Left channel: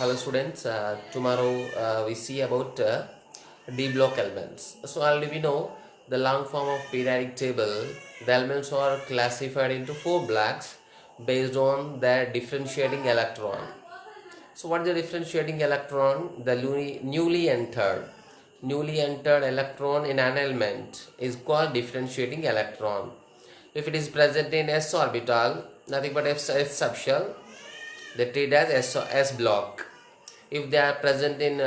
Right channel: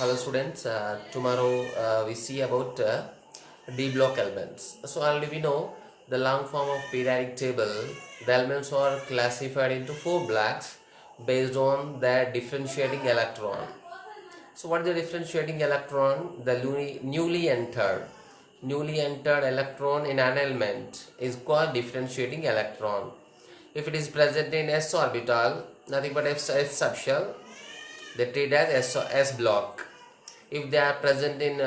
Hello students, tomorrow we see about D block elements. So already we know the long form of periodic table. The elements are classified into 4 blocks based on their differentiating electron. So what is the differentiating electron? The newly entered electron in an element is called differentiating electron. If it is present in s orbital, nothing but s subshell, they treat as S block. If they are present in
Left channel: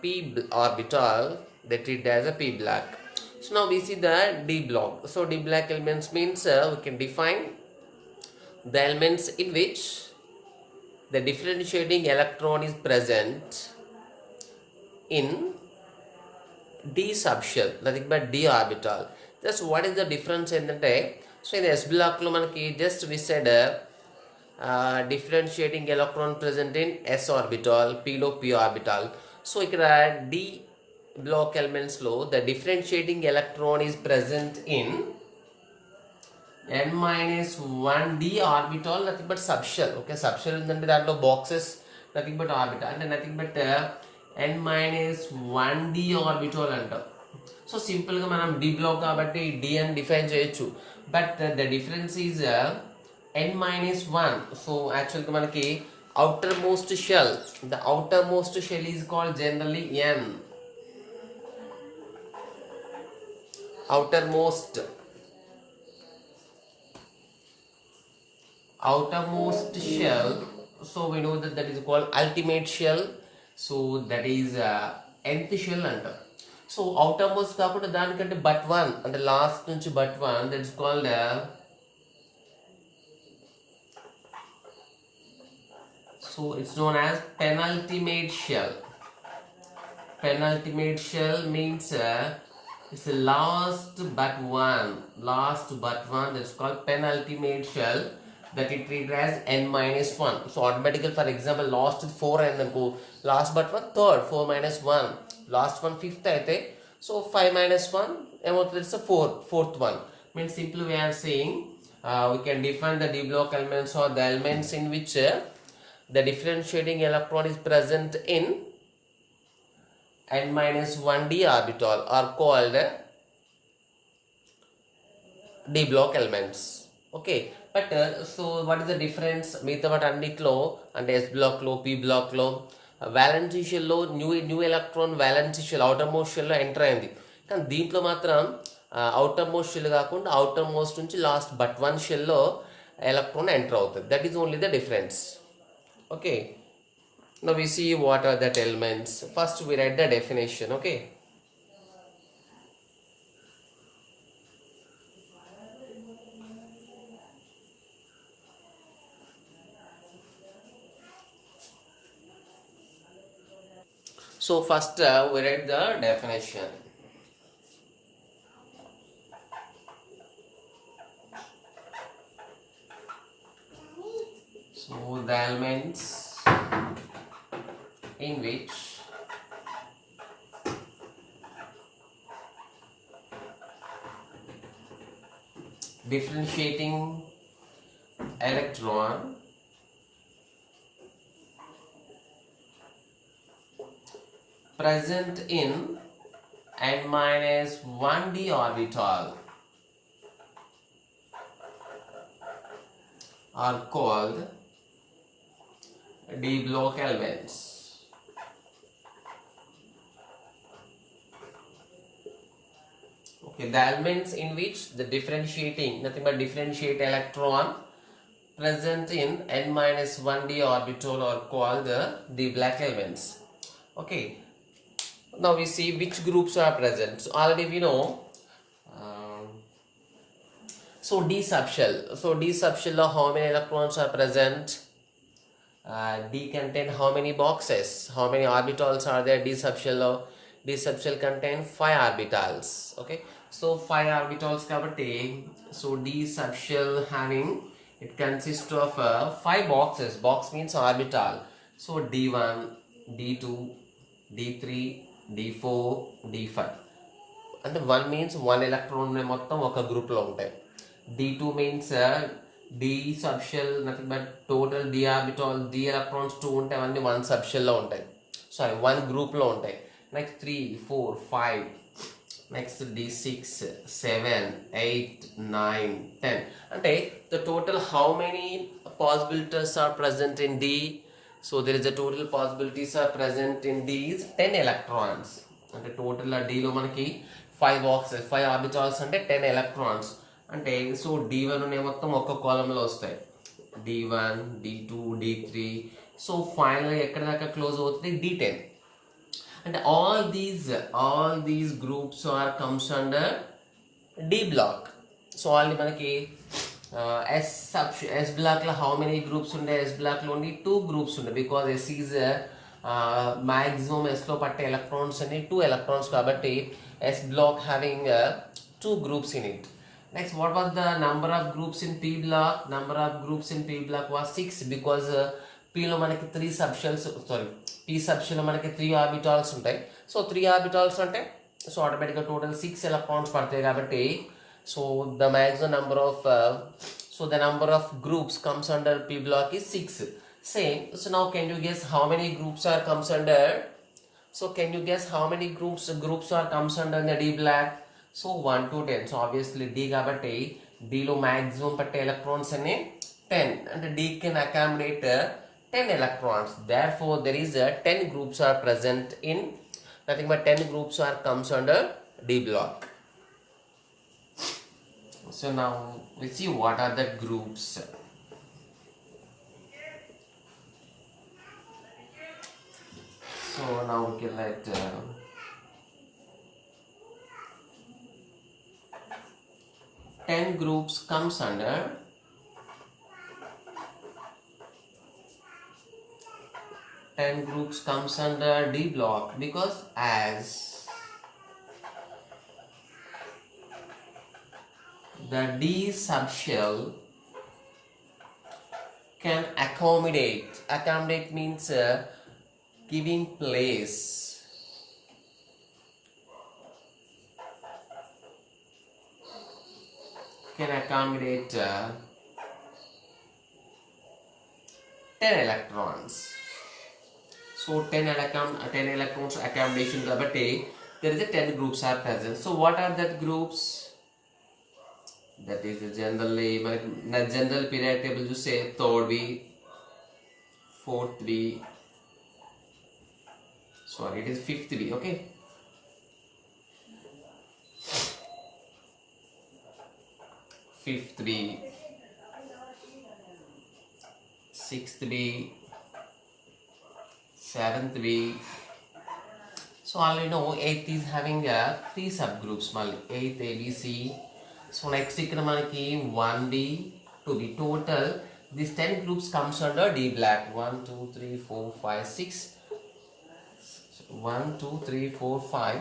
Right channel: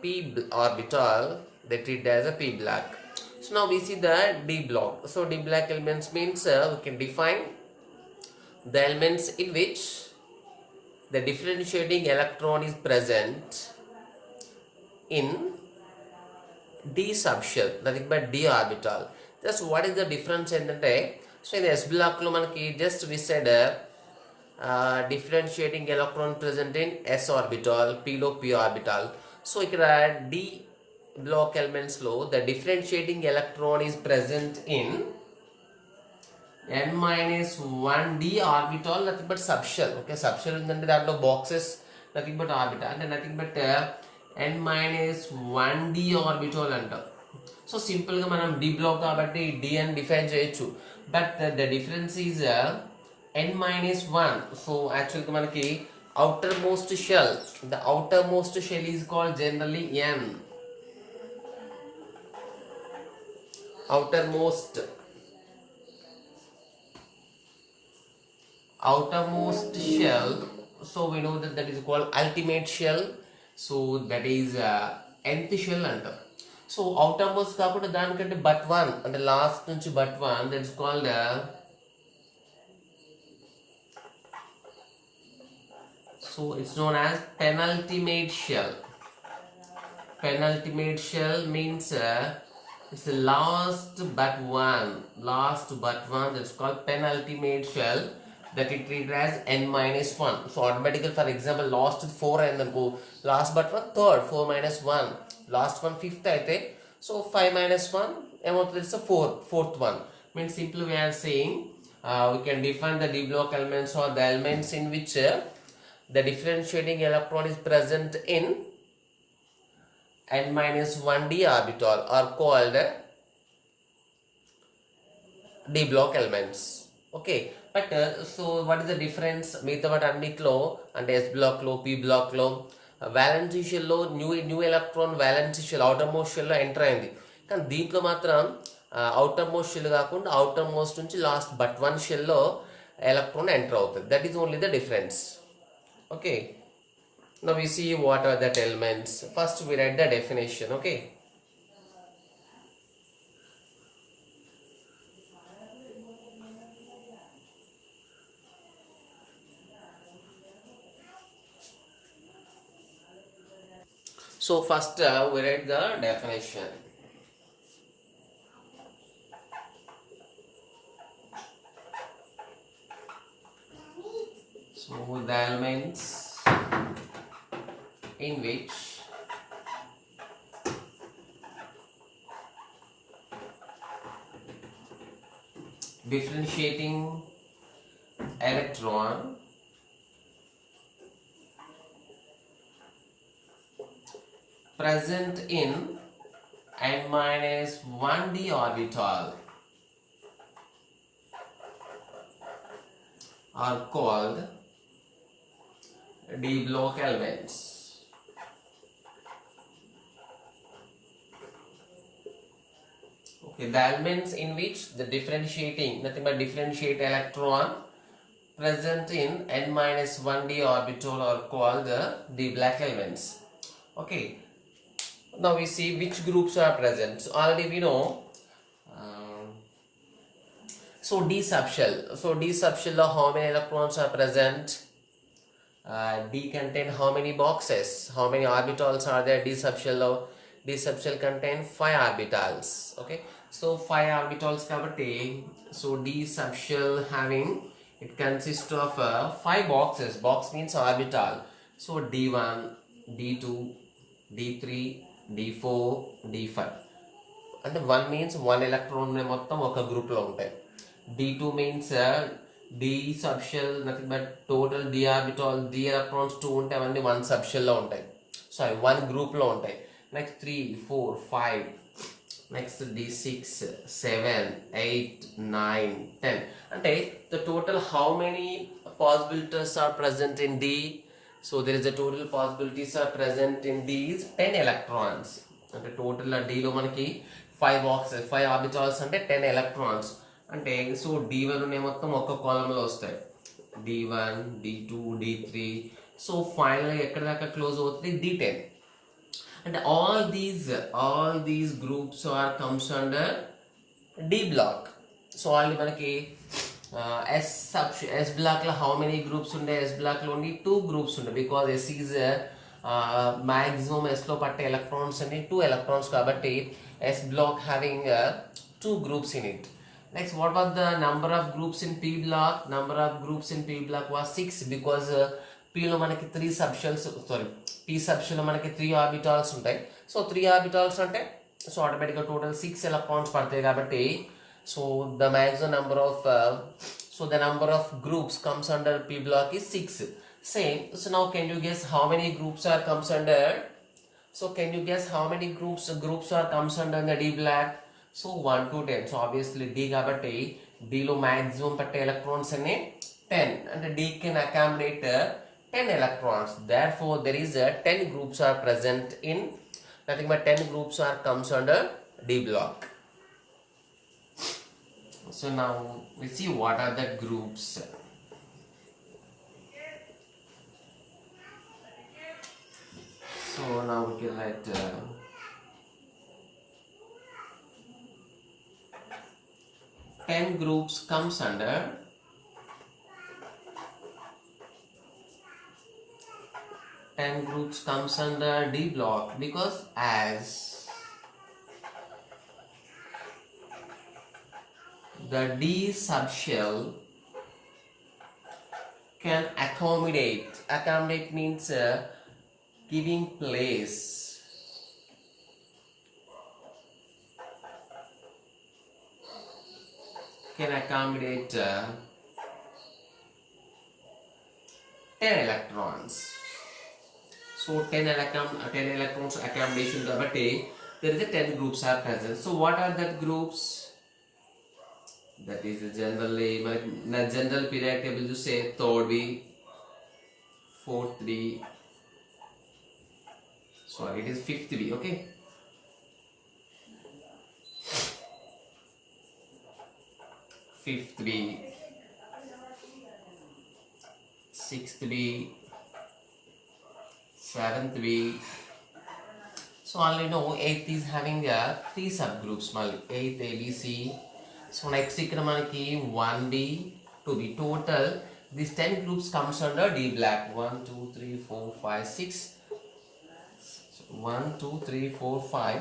p orbital, they treat as a p block. So now we see the d block. So d block elements means we can define the elements in which the differentiating electron is present in d subshell, nothing but d orbital. Just what is the difference in the day? So in the S block lo manaki just we said differentiating electron present in s orbital, p lo p orbital. So ikkada d block elements lo the differentiating electron is present in n minus 1 d orbital, nothing but subshell. Okay, subshell ante daantlo boxes nothing but orbital and nothing but n minus 1 d orbital antam. So simple ga manam d block kabatti d అని define cheyochu, but the difference is n minus 1. So actually manaki outermost shell, the outermost shell is called generally n. outermost shell, so we know that is called ultimate shell. So that is nth shell antam. So outermost కాకుండా దానికంటే but one అంటే లాస్ట్ నుంచి but one, that is called so it's known as penultimate shell. Penultimate shell means it's the last but one, that's called penultimate shell, that it treated as n minus 1. So automatically, for example, last 4 and then go last but one third, 4 minus 1, last one fifth aithe, so 5 minus 1 amount is a fourth one. Means simply we are saying we can define the d block elements or the elements in which the differentiating electron is present in n minus 1d orbital are called d block elements. Okay, but so what is the difference మిగతా వాటి అన్నిట్లో అంటే s block లో p block లో valency shell లో new electron valency shell outermost shell లో enter అయింది, కానీ దీంట్లో మాత్రం అవుటర్ మోస్ట్ షెల్ కాకుండా అవుటర్ మోస్ట్ నుంచి లాస్ట్ బట్ వన్ షెల్ లో ఎలక్ట్రాన్ ఎంటర్ అవుతుంది. That is only the difference. Okay, now we see what are that elements. First we write the definition. Okay, so first we write the definition. So the elements in which differentiating electron present in n minus 1d orbital are called d block elements. Okay, the elements in which the differentiating, nothing but differentiate electron present in n minus 1d orbital are called the d block elements. Okay, now we see which groups are present. So already we know so d subshell. So d subshell of how many electrons are present? D contain how many boxes? How many orbitals are there? D subshell of D subshell contain 5 orbitals. Okay, so 5 orbitals kabatti, so D subshell having, it consists of 5 boxes. Box means orbital. So D1, D2, D3, D4, D5. And 1 means 1 electron మొత్తం ఒక గ్రూప్ లో ఉంటాయి. D2 means D subshell nothing but total d orbital d electrons 2 ఉంటాయి అవన్నీ 1 subshell లో ఉంటాయి, సారీ 1 group లో ఉంటాయి. నెక్స్ట్ 3 4 5 నెక్స్ట్ d6 7 8 9 10 అంటే the total how many possibilities are present in D. So there is a total possibilities are present in D is 10 electrons. అంటే total D లో మనకి 5 orbitals అంటే 10 electrons అంటే సో D1 అనే మొత్తం ఒక్క కాలంలో వస్తాయి, D1 D2 D3. So final ఎక్కడ దాకా క్లోజ్ అవుతుంది D10 అంటే all these groups are comes under D block. So already మనకి S block లో how many groups ఉండే, S block లో only 2 groups ఉండే because S is maximum S లో పట్టే electrons అన్ని 2 electrons కాబట్టి S block having 2 groups in it. Next, what was the number of groups in P block? Number of groups in P block was 6 because P లో మనకి 3 subshells, sorry P subshell లో మనకి 3 orbitals ఉంటాయి. సో 3 orbitals అంటే సో ఆటోమేటిక్గా టోటల్ 6 electrons పడతాయి కాబట్టి so the maximum number of so the number of groups comes under P block is 6. Same. So now can you guess how many groups are comes under? So can you guess how many groups are comes under the D block? So 1 to 10. So obviously D కాబట్టి D లో maximum పట్టే electrons అనే 10 అంటే D can accommodate 10 electrons. Therefore there is 10 groups are present in nothing but 10 groups are comes under D block. So now let's see what are the groups. So now we can let 10 groups comes under D block because as the D subshell can accommodate means giving place, can accommodate 10 electrons. So 10 electrons accommodation కాబట్టి there is a 10 groups are present. So what are the groups? That is generally general periodic table you say third B, fourth B, sorry it is fifth B, okay. Fifth B, sixth B, seventh B. So already know 8th is having 3 subgroups, 8th A, B, C. So next ఇక్కడ మనకి 1B, 2B total these 10 groups comes under D block. 1 2 3 4 5 6 1 2 3 4 5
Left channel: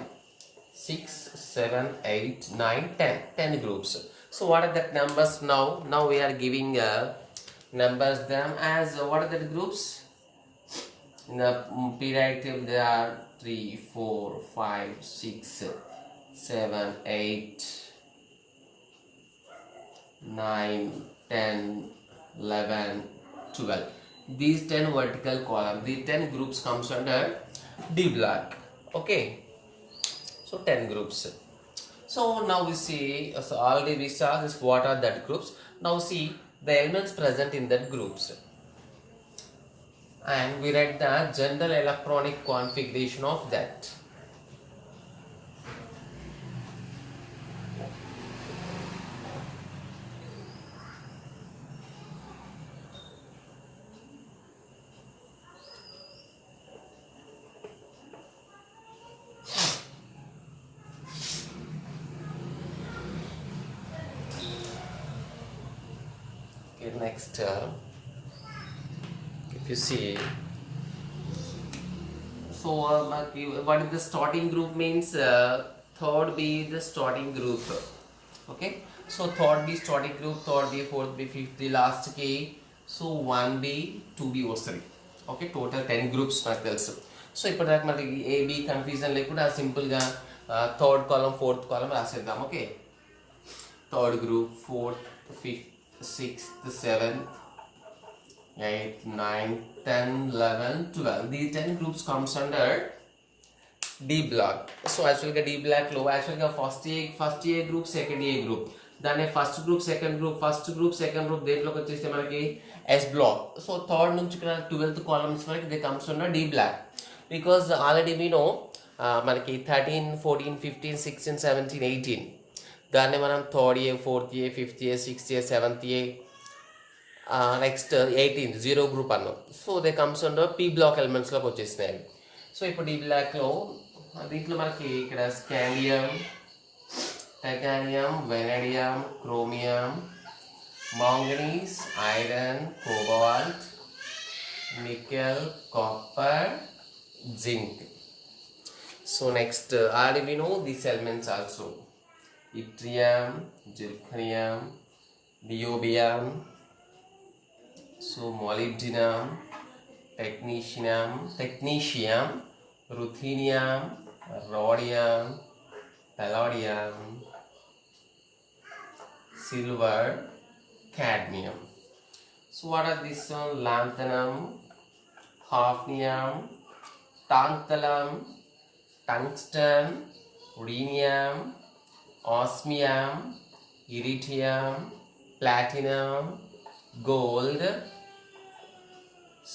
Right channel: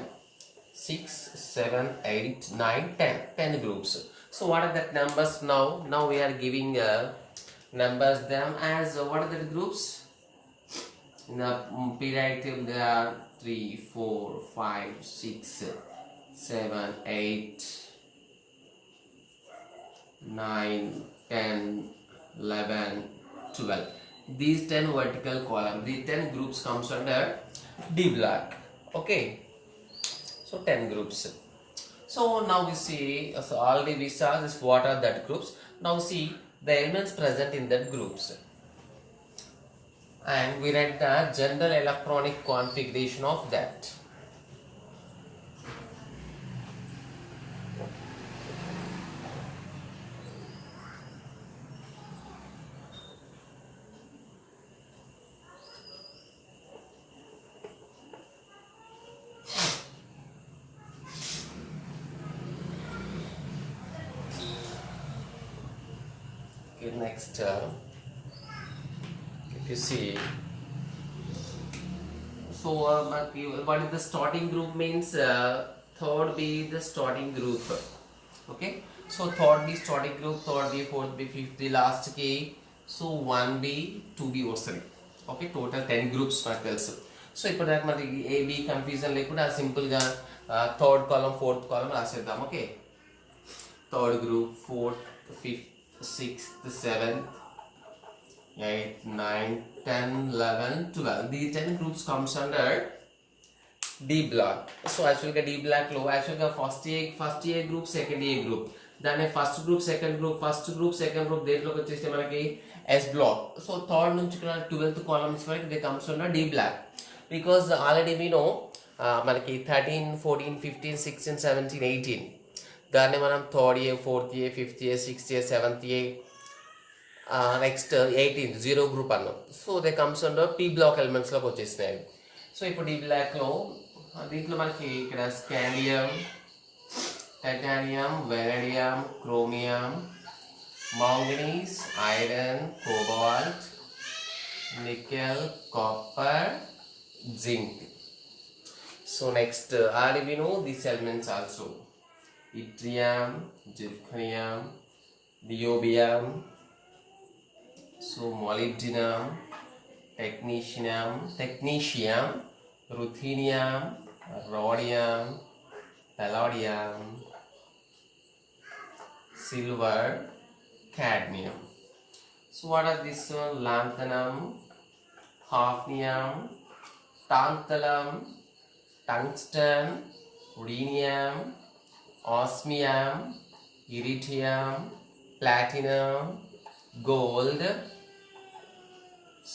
6 7 8 9 10 groups. So what are the numbers now? Now we are giving numbers them as what are the groups? In the periodic table there are 3 4 5 6 7 8 9 10 11 12. These 10 vertical column, these 10 groups comes under D block, okay. So 10 groups. So now we see, so already we saw this what are that groups. Now see the elements present in that groups and we read the general electronic configuration of that. Next if you see, so what is the starting group means third B the starting group, okay. So third B starting group, third B, fourth B, fifth B, last K. So 1B 2B వస్తుంది, okay. Total 10 groups మనకు తెలుసు. సో ఇప్పుడు దాకా మనకి AB confusion లేకుండా సింపుల్గా third column fourth column రాసేద్దాం, okay. Third group, fourth, fifth, 6th, 7th, 8th, 9th, 10, 11, 12. These 10 groups comes under D block. So actually D block lo actually first A group, second A group. Then first group, second group, second group దేంట్లోకి వచ్చేస్తే మనకి S block. So third నుంచి 12th columns వరకు they comes under D block. Because already we know మనకి 13, 14, 15, 16, 17, 18 దాన్ని మనం third A, fourth A, fifth A, sixth A, seventh A, next 18 zero group అన్నాం. So they comes under P block ఎలిమెంట్స్లోకి వచ్చేసినాయి. So ఇప్పుడు ఈ బ్లాక్లో దీంట్లో మనకి ఇక్కడ scandium, titanium, vanadium, chromium, manganese, iron, cobalt, nickel, copper, zinc. So next already we know these elements also: yttrium, zirconium, niobium, so molybdenum, technetium, ruthenium, rhodium, palladium, silver, cadmium. So what are these? Lanthanum, hafnium, tantalum, tungsten, rhenium, osmium, iridium, platinum, gold,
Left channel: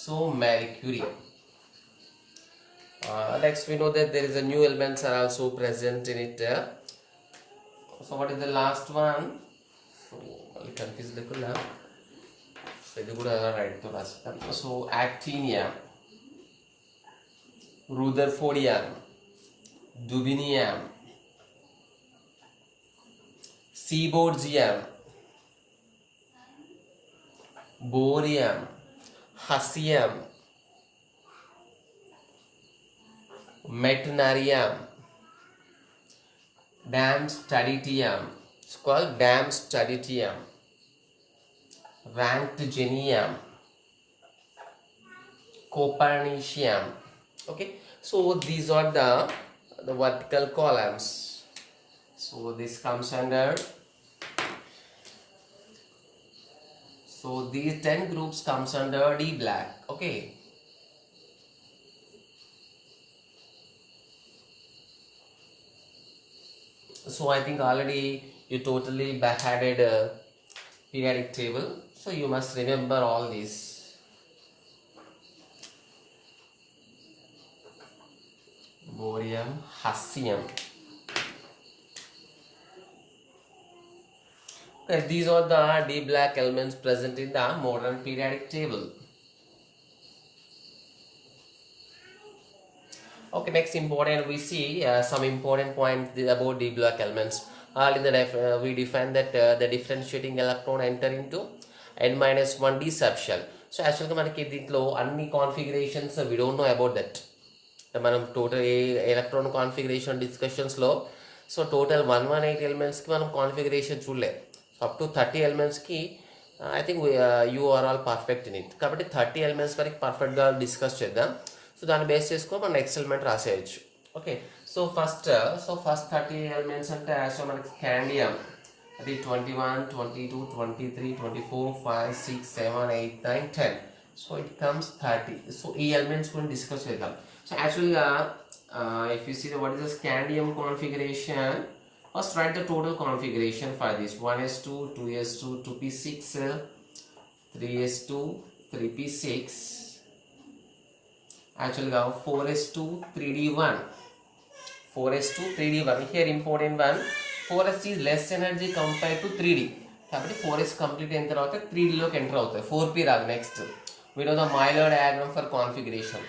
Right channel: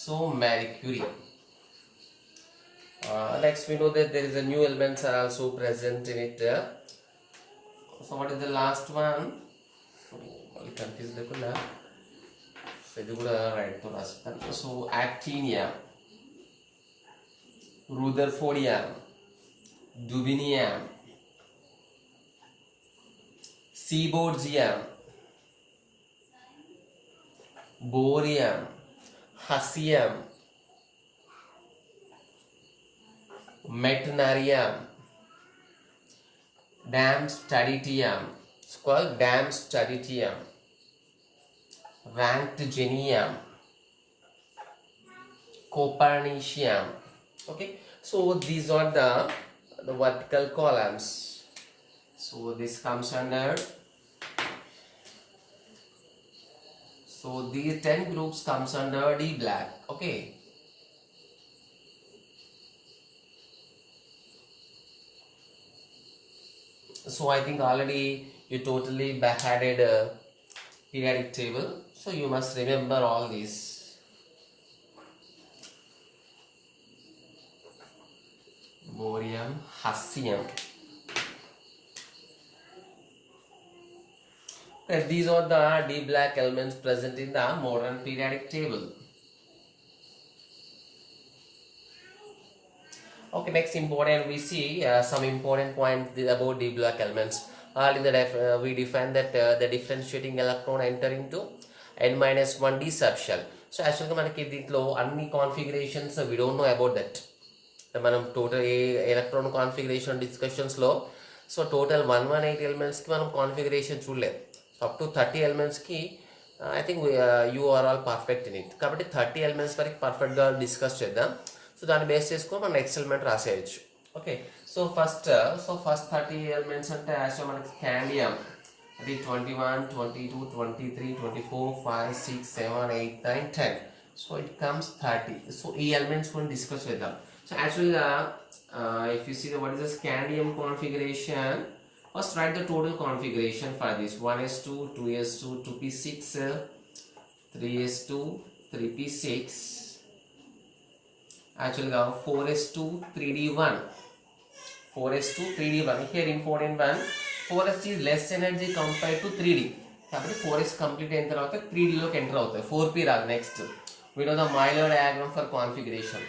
so mercury. Next we know that there is a new elements are also present in it. So what is the last one? So confused lekunda. So ఇది కూడా రైట్ తో రాస్తాను. So actinium, rutherfordium, dubinium, seaborgium, borium, hassium, metanarium, damstaditium, it's called damstaditium, rankthgenium, copernicium. Okay, so these are the vertical columns. So this comes under, so these 10 groups comes under D block. Okay, so I think already you totally backhanded periodic table, so you must remember all these. Borium, hassium. These are the D block elements present in the modern periodic table. Okay, next important we see some important points about D block elements. We define that the differentiating electron enter into n-1 d subshell. So actually మనకి దీంట్లో అన్ని configurations we don't know about that. మనం total electron configuration డిస్కషన్స్లో so total 118 ఎలిమెంట్స్కి మనం configuration చూడలే. Up to 30 ఎలిమెంట్స్కి I think you are all perfect in it. కాబట్టి 30 ఎలిమెంట్స్ వరకు పర్ఫెక్ట్గా డిస్కస్ చేద్దాం. సో దాన్ని బేస్ చేసుకొని మనం నెక్స్ట్ ఎలిమెంట్ రాసేయచ్చు. ఓకే, సో ఫస్ట్ 30 ఎలిమెంట్స్ అంటే యాక్చువల్ మనకి స్కాండియం అది 21, 22, 23, 24, 5, 6, 7, 8, 9, 10. So it comes 30. సో ఈ ఎలిమెంట్స్ కూడా డిస్కస్ చేద్దాం. So actually if you see what is the scandium configuration, first write the total configuration for this: 1s2, 2s2, 2p6, 3s2, 3p6, actually 4s2, 3d1, 4s2, 3d1. Here important one, 4s is less energy compared to 3d. కాబట్టి 4s complete అయిన తర్వాత 3d లోకి ఎంటర్ అవుతాయి. 4p రాదు. Next we know the Euler diagram for configuration.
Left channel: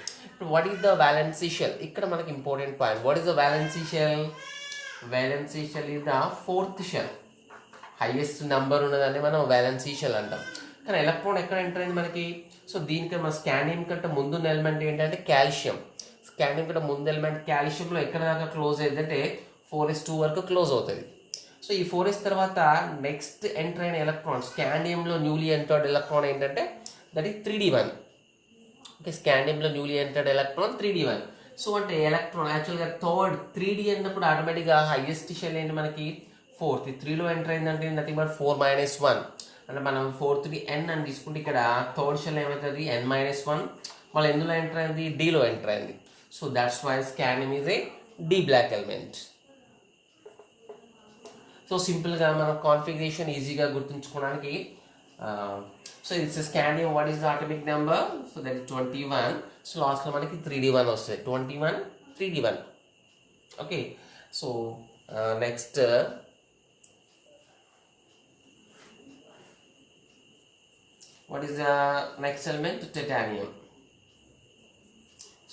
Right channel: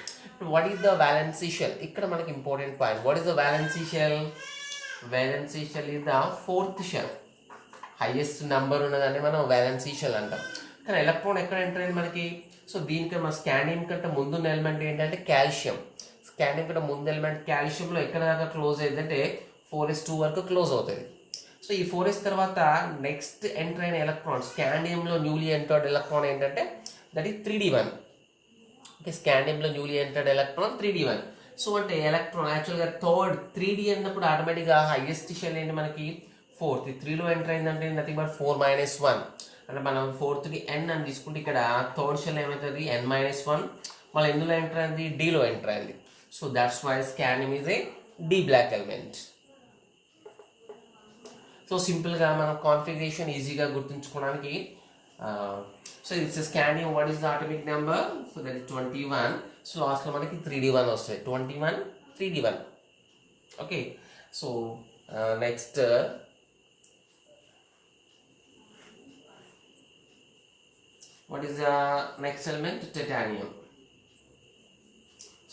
What is the valency shell? ఇక్కడ మనకి important point. What is the valency shell? Valency shell is the fourth shell. Highest number ఉన్నదాన్ని మనం valency shell అంటాం. కానీ ఎలక్ట్రాన్ ఎక్కడ ఎంటర్ అయింది మనకి? సో దీనికి మన స్కాండియం కంటే ముందున్న ఎలిమెంట్ ఏంటంటే కాల్షియం. స్కాండియం కంటే ముందు ఎలిమెంట్ కాల్షియంలో ఎక్కడ దాకా క్లోజ్ అయిందంటే 4s2 వరకు క్లోజ్ అవుతుంది. సో ఈ 4s తర్వాత నెక్స్ట్ ఎంటర్ అయిన ఎలక్ట్రాన్ స్కాండియంలో న్యూలీ ఎంటర్డ్ ఎలక్ట్రాన్ ఏంటంటే దట్ ఈస్ 3d1. ఓకే, స్కాండియంలో newly entered electron 3d1. So అంటే ఎలక్ట్రాన్ యాక్చువల్గా థర్డ్ 3d అన్నప్పుడు ఆటోమేటిక్గా హైయెస్ట్ షెల్ ఏంటి మనకి 4th. 3లో ఎంటర్ అయిందంటే నథింగ్ బట్ 4 - 1. అంటే మనం ఫోర్త్ది ఎన్ అని తీసుకుంటే ఇక్కడ థర్డ్ షెల్ ఏమవుతుంది n-1 మళ్ళీ ఎందులో ఎంటర్ అయింది డీలో ఎంటర్ అయింది. So that's why scandium is a D block element. So సింపుల్గా మనం కాన్ఫిగరేషన్ ఈజీగా గుర్తుంచుకోవడానికి so it's scandium what is the atomic number so that 21. So లాస్ట్లో మనకి 3d1 వస్తాయి 21 3d1. Okay so next what is the next element titanium.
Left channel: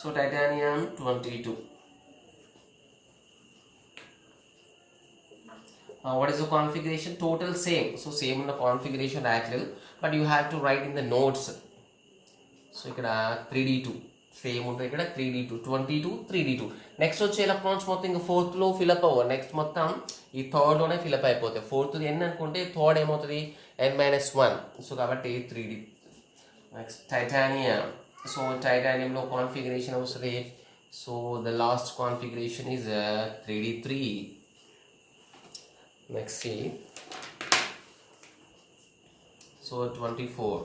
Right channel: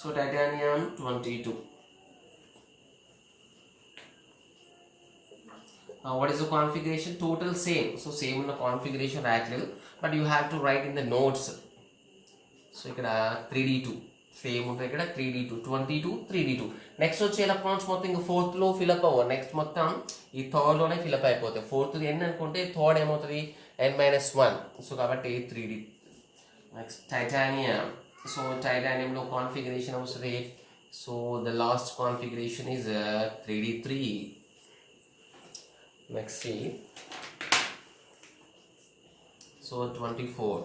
So titanium 22. What is the configuration? Total same. So same in the configuration actually, but you have to write in the notes. So ikkada 3d2 same ఉంటుంది ఇక్కడ 3d2 22 3d2. Next వచ్చే ఎలక్ట్రాన్స్ మొత్తం ఇంకా ఫోర్త్ లో ఫిల్అప్ అవ్వవు. నెక్స్ట్ మొత్తం ఈ థర్డ్ లోనే ఫిల్అప్ అయిపోతాయి. ఫోర్త్ ఎన్ అనుకుంటే థర్డ్ ఏమవుతుంది n-1. సో కాబట్టి 3d. Next titanium. సో టైటానియంలో కాన్ఫిగరేషన్ వస్తుంది. So the last configuration is 3d3. Next see, so 24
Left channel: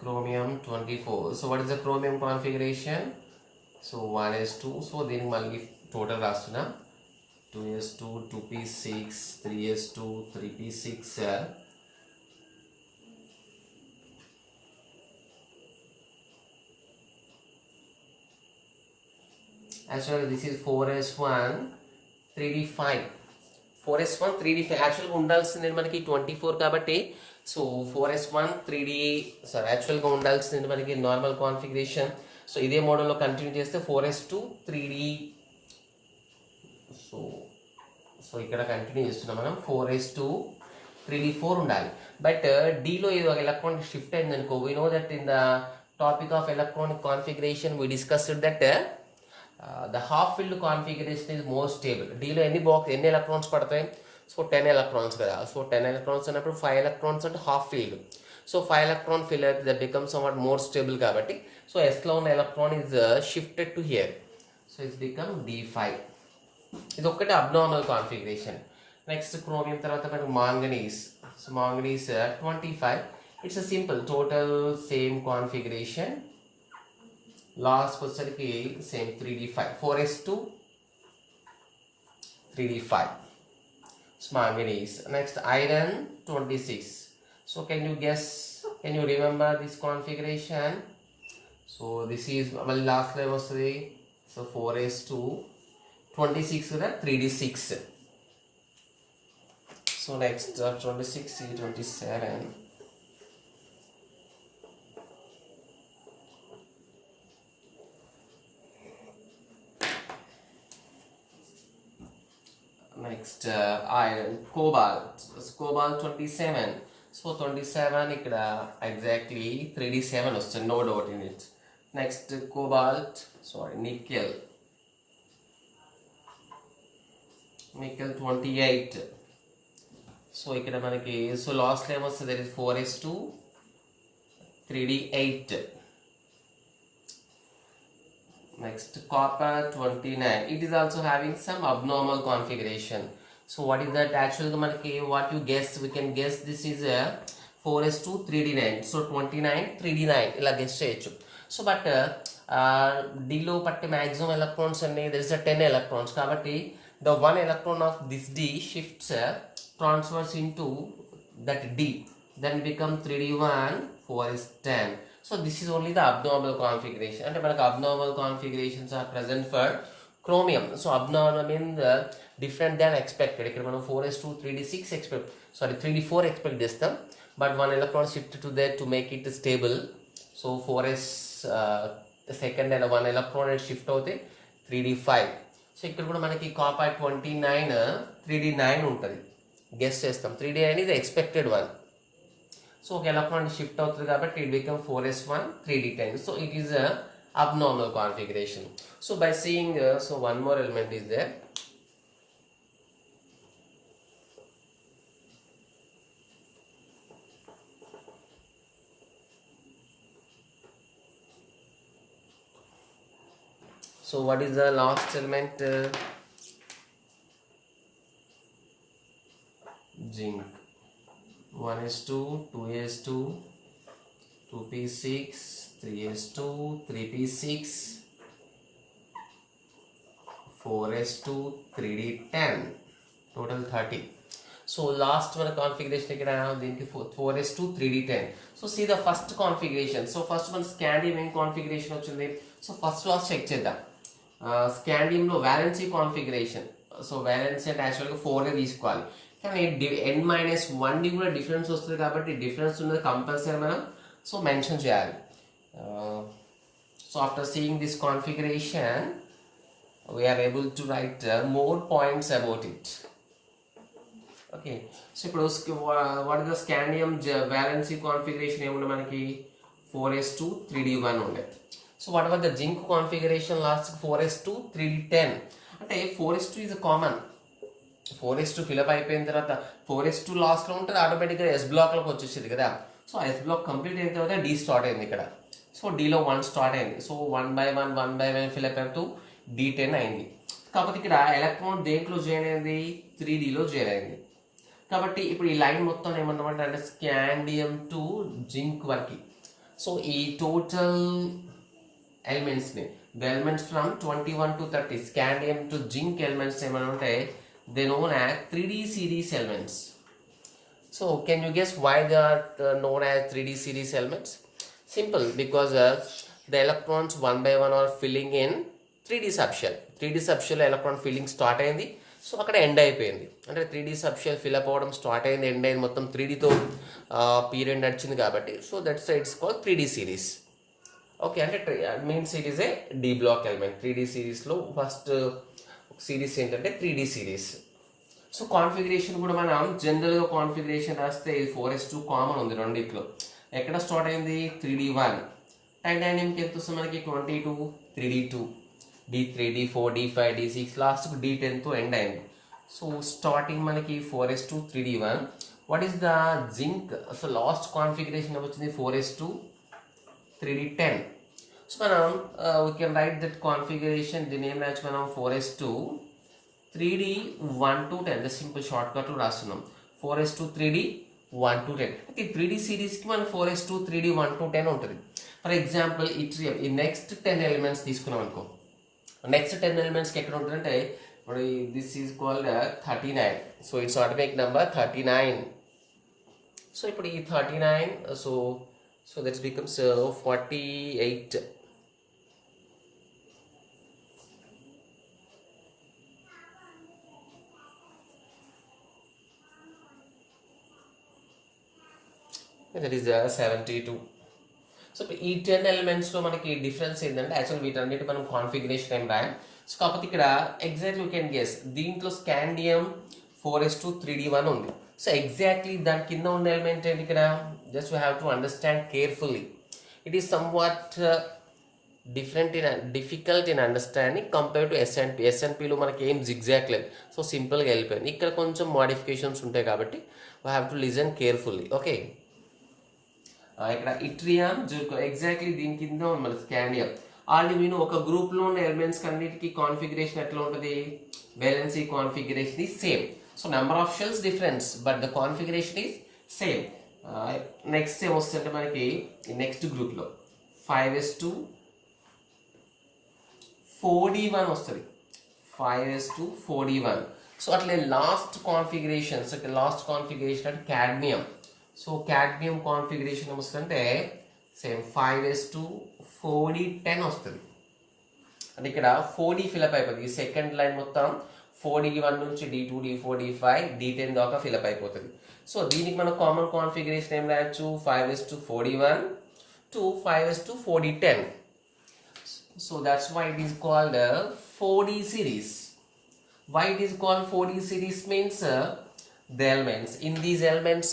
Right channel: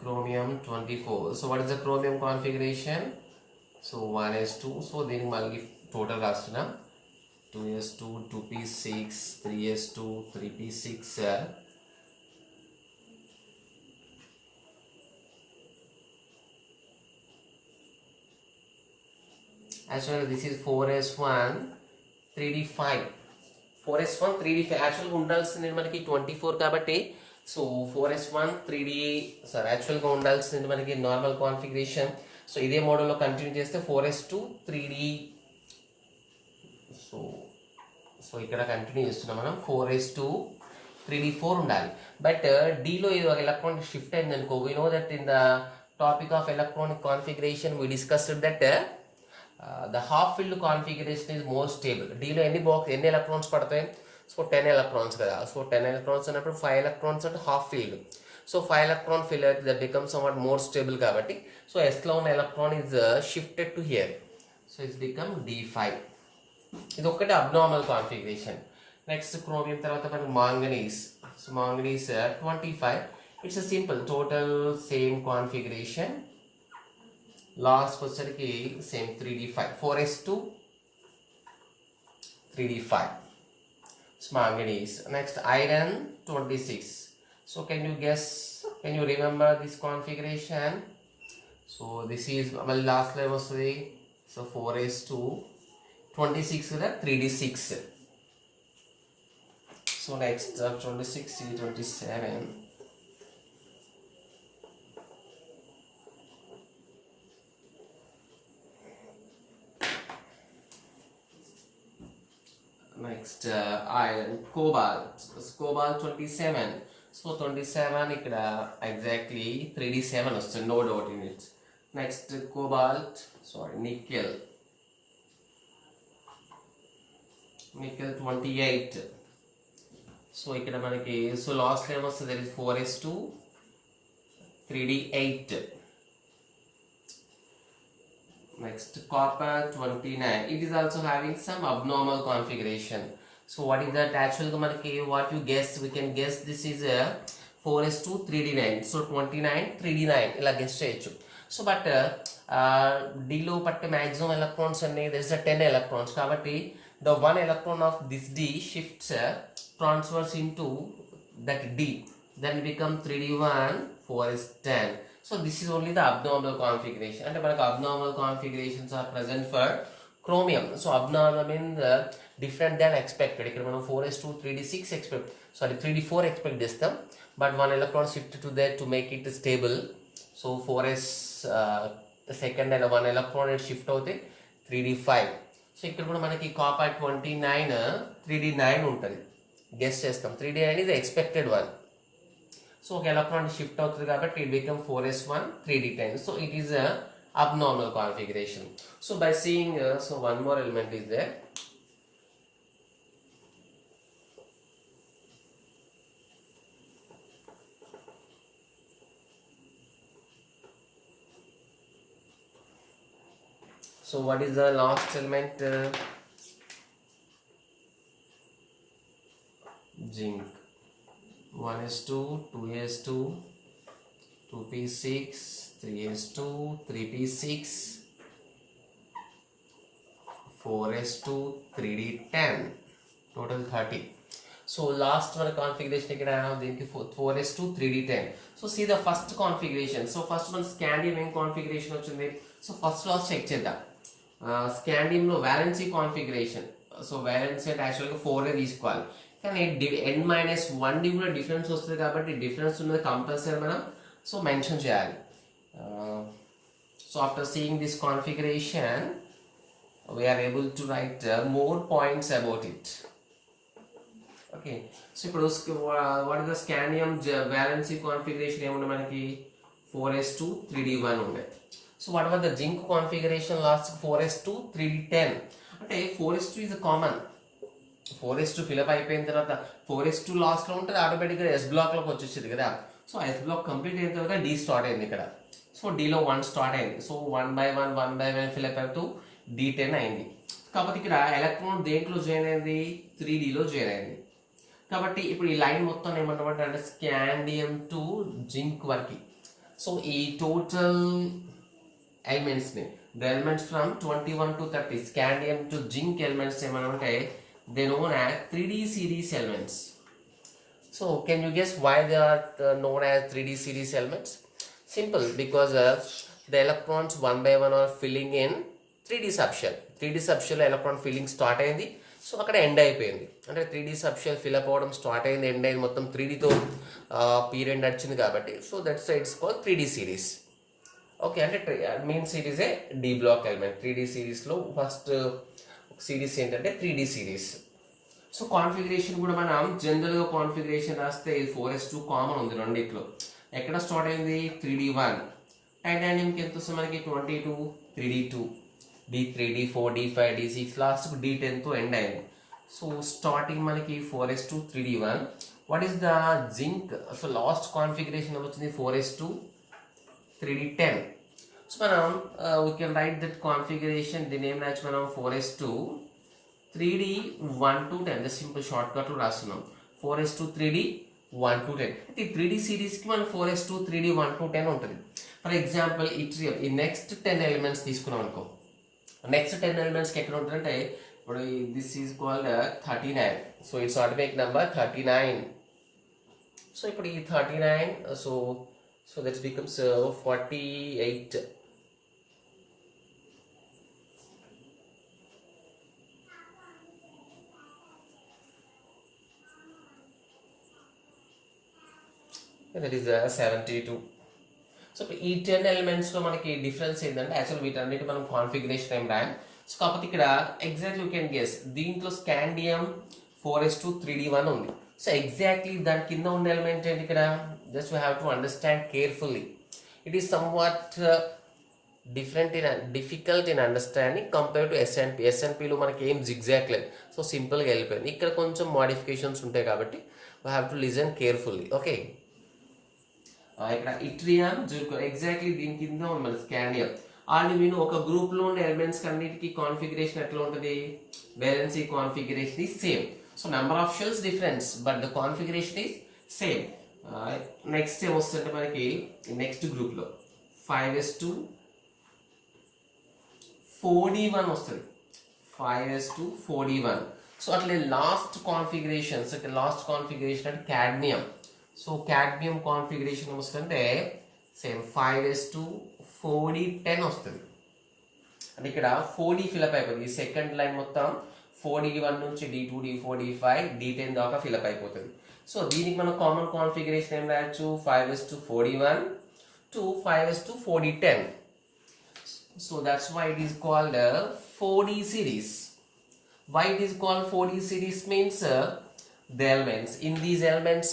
chromium 24. So what is the chromium configuration? So 1s2. So then malli total rastuna 2s2 2p6 3s2 3p6. Actually this is 4s1 3d5. 4s1 3d5 యాక్చువల్గా ఉండాల్సింది మనకి 24 కాబట్టి so 4s1 3d sir యాక్చువల్గా ఉండాల్సింది మనకి normal configuration. So ఇదే మోడల్లో కంటిన్యూ చేస్తే 4s2 3d. సో సో ఇక్కడ కంటిన్యూ చేస్తున్నాం మనం 4s2 3d4 ఉండాలి. బట్ డీలో ఏదో ఎలక్ట్రాన్ షిఫ్ట్ అయింది అనుకో. We know that in the topic of electronic configuration we discussed that the half filled configuration is more stable. డీలో ఎన్ని ఎలక్ట్రాన్స్ పడతాయి సో 10 ఎలక్ట్రాన్స్ కదా. సో 10 ఎలక్ట్రాన్స్ అన్నప్పుడు 5 ఎలక్ట్రాన్స్ అంటే half filled. So 5 electron fill అయితే that become somewhat more stable కాబట్టి so ఎస్లో ఉన్న electron is shifted to here. So it's become d5. ఇది ఒక్కటే అబ్నార్మల్ కాన్ఫిగరేషన్. నెక్స్ట్ క్రోమియం తర్వాత మనకు manganese. So manganese 25. It's a simple total same configuration. Last వచ్చేసరికి same 3d5 4s2 3d5 manganese. Next iron 26. So can you remember this configuration? So this is last level 3. So 4s2 26 3d6. So next 26 27. Next iron cobalt. Cobalt 27. So 27 ikkada exactly 3d7 వస్తుంది, no doubt in it. Next cobalt, sorry, nickel 28. So ikkada manaki so last time was there is 4s2 3d8. Next copper 29. It is also having some abnormal configuration. So what is that? Actually manaki what you guess, we can guess this is a 4s2 3d9. So 29 3d9 ila guess cheyochu. So but d lo patte maximum electrons anne there is a 10 electrons kabatti the one electron of this d shifts transfers into that d, then become 3d1 4 is 10. So this is only the abnormal configuration. And abnormal configurations are present for chromium. So abnormal means different than expected. Here 4s2 3d6 expect, sorry 3d4 expect this term, but one electron shifted to there to make it stable. So 4s the second and one electron shift out 3d5. So here manaki copper 29 3d9 untadi. Guess chestam 3d9 is the expected one. So electron shift out కాబట్టి it become 4s1 3d10. So it is a abnormal configuration. So by seeing so one more element is there. So what is the last element? Zinc 1s2, 2s2, 2p6, 3s2, 3p6, 4s2, 3d10, total 30. So last one configuration ikkada deeniki 4s2, 3d10. So see the first configuration. So first one scandium em configuration ochindi. So first class check cheddam. Scandium lo valency configuration. So valency అంటే యాక్చువల్గా 4 తీసుకోవాలి, కానీ n-1 కూడా డిఫరెన్స్ వస్తుంది కాబట్టి డిఫరెన్స్ ఉన్నది కంపల్సరీ మనం so mention చేయాలి. So after seeing this configuration we are able to write more points about it. Okay, so ఇప్పుడు what is the scandium valency configuration ఏముంది మనకి 4s2 3d1 ఉండే. So what about the zinc configuration last 4s2 3d10 అంటే 4s2 is a common 4s2 fill up అయిపోయిన తర్వాత 4s2 last లో ఉంటుంది, ఆటోమేటిక్గా s బ్లాక్ లోకి వచ్చేసింది కదా. సో s బ్లాక్ కంప్లీట్ అయిన తర్వాత d స్టార్ట్ అయింది ఇక్కడ. సో d లో 1 స్టార్ట్ అయింది. సో 1 by 1 ఫిలప్ అవుతూ d10 అయింది. కాబట్టి ఇక్కడ ఎలక్ట్రాన్ దేంట్లో జాయిన్ అయింది 3d లో జాయిన్ అయింది. కాబట్టి ఇప్పుడు ఈ లైన్ మొత్తం ఏమంటామంటే అంటే స్కాండియం టు జింక్ వరకు. సో ఈ టోటల్ ఎలిమెంట్స్ ని the elements from 21 to 30 scandium to zinc elements ఏమంటే they known as 3d series elements. So can you guess why they are known as 3d series elements? Simple, because the electrons one by one are filling in 3d subshell. 3d subshell electron filling start అయింది, so అక్కడ end అయిపోయింది. అంటే 3d subshell fill up అవడం start అయింది, end అయింది, మొత్తం 3dతో period నడిచింది కాబట్టి so that's it's called 3d series. ఓకే, అంటే means it is a D block element. 3d సిరీస్లో ఫస్ట్ సిరీస్ ఏంటంటే 3d సిరీస్. సో కాన్ఫిగరేషన్ కూడా మనం జనరల్గా కాన్ఫిగరేషన్ రాస్తే 4s2 కామన్ ఉంది రెండిట్లో. ఎక్కడ స్టార్ట్ అయింది 3d1, టైటానియంకి ఎంత వస్తుంది మనకి 22, 3d2, d3, d4, d5, d6, last d10తో ఎండ్ అయింది. సో స్టార్టింగ్ మనకి 4s2 3d1. What is the zinc? So last configuration వచ్చింది 4s2 3d10. సో మనం we can write that configuration, the name match మనం 4s2 3d1 to 10 simple short cut లో రాస్తున్నాం 4s2 3d1 to 10. అయితే 3d series కి మనం 4s2 3d1 to 10 ఉంటుంది. For example ఈ నెక్స్ట్ 10 ఎలిమెంట్స్ తీసుకున్నాం అనుకో. నెక్స్ట్ 10 ఎలిమెంట్స్ కి ఎక్కడ ఉంటుందంటే ఇప్పుడు this is called 39. So it's automatic number 39. సో ఇప్పుడు ఈ 39 so that becomes 48. That is 72. సో ఈ 10 ఎలిమెంట్స్ లో మనకి డిఫరెన్స్ ఏంటంటే యాక్చువల్ వీటన్నిటి మనం కాన్ఫిగరేషన్ ఏం రాయం. సో కాకపోతే ఇక్కడ ఎగ్జాక్ట్లీ యూ కెన్ గెస్, దీంట్లో స్కాండియం 4s2 3d1 ఉంది. సో ఎగ్జాక్ట్లీ దాని కింద ఉన్న ఎలిమెంట్ ఏంటి ఇక్కడ? Just you have to understand carefully. It is somewhat difficult in understanding compare to S and P. ఎస్ఎన్పిలో మనకి ఏం జిగ్జాక్ట్ లేదు, సో సింపుల్గా వెళ్ళిపోయింది. ఇక్కడ కొంచెం మోడిఫికేషన్స్ ఉంటాయి కాబట్టి we have to listen carefully. Okay, ఇక్కడ ఇట్రియం ఎగ్జాక్ట్లీ దీని కింద ఉంది స్కాండియం. ఆల్రెడీ మీరు ఒక గ్రూప్ లో ఉన్న ఎలిమెంట్స్ అన్నిటికీ కాన్ఫిగరేషన్ ఎట్లా ఉంటుంది? Valency configuration is same. So number of shells difference but the configuration is same. Next ఏమొస్తుందంటే మనకి నెక్స్ట్ గ్రూప్ లో 5s2 4d1 వస్తుంది. 5s2 4d1. సో అట్లే లాస్ట్ కాన్ఫిగరేషన్స్ అంటే క్యాడ్మియం. సో క్యాడ్మియం కాన్ఫిగరేషన్ ఏమొస్తుందంటే సేమ్ 5s2 4d10 వస్తుంది. అంటే ఇక్కడ 4d ఫిలప్ అయిపోతుంది. ఈ సెకండ్ లైన్ మొత్తం 4d1 నుంచి d2, d4, d5, d10 దాకా ఫిలప్ అయిపోతుంది. సో దీనికి మనం కామన్ కాన్ఫిగరేషన్ ఏం రాయొచ్చు? 5s2 4d1 to 5s2 4d10. So that's why it is called a 4d series. Why it is called 4d series means the elements. In these elements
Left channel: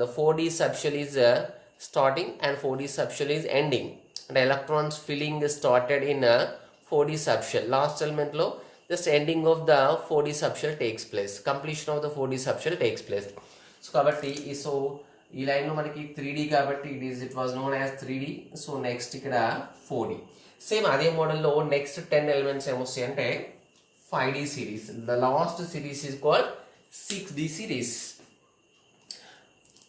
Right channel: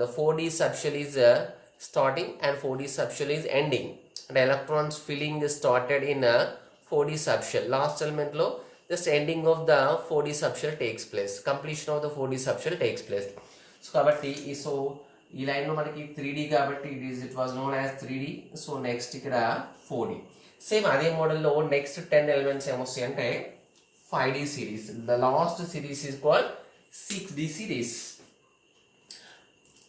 the 4d subshell is starting and 4d subshell is ending. And electrons filling is started in a 4d subshell. Last element lo just ending of the 4d subshell takes place. Completion of the 4d subshell takes place. So kabatti ఈ లైన్ లో మనకి 3d కాబట్టి it was known as 3d. So next ఇక్కడ 4d. Same అదే మోడల్లో నెక్స్ట్ 10 ఎలిమెంట్స్ ఏమొస్తాయి అంటే 5d series. The last series is called 6d series.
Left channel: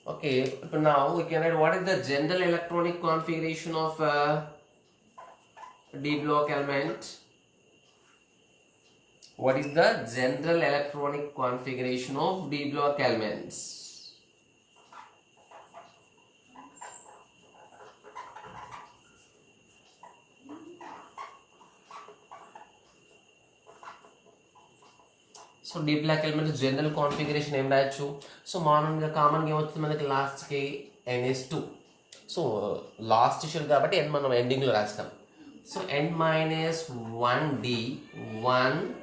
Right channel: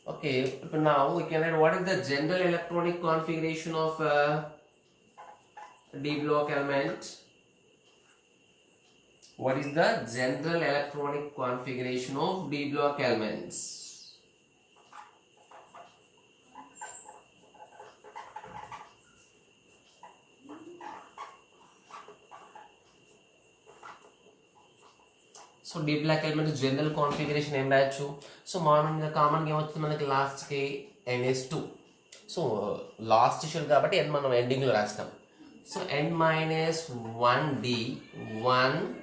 Okay, now we can add what is the general electronic configuration of D block element. What is the general electronic configuration of D block elements? So D block element general configuration em rayachu. So common game vachindi manaki last ki ns2. So last shell kabatti n manam ending lo rastam. So n minus 1d 1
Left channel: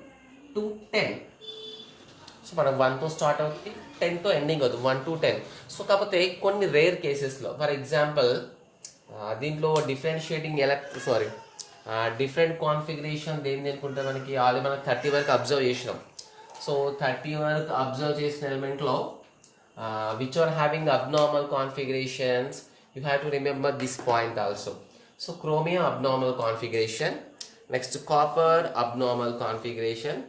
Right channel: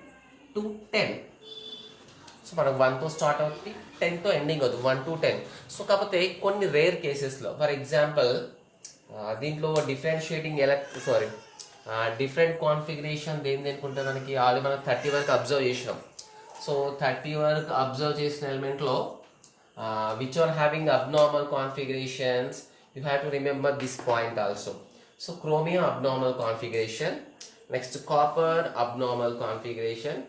to 10. సో మనం 1తో స్టార్ట్ అవుతుంది 10తో ఎండింగ్ అవుతుంది 1 to 10. సో కాకపోతే కొన్ని రేర్ కేసెస్లో for example దీంట్లో differentiating different configuration దేనికి ఉంటే మనకి ఆల్రెడీ మనం 30 వరకు అబ్జర్వ్ చేసినాం. సో 30 వరకు అబ్జర్వ్ చేసిన ఎలిమెంట్లో which are having abnormal configurations you have to remember this point also. So chromium abnormal configuration, next copper abnormal configuration,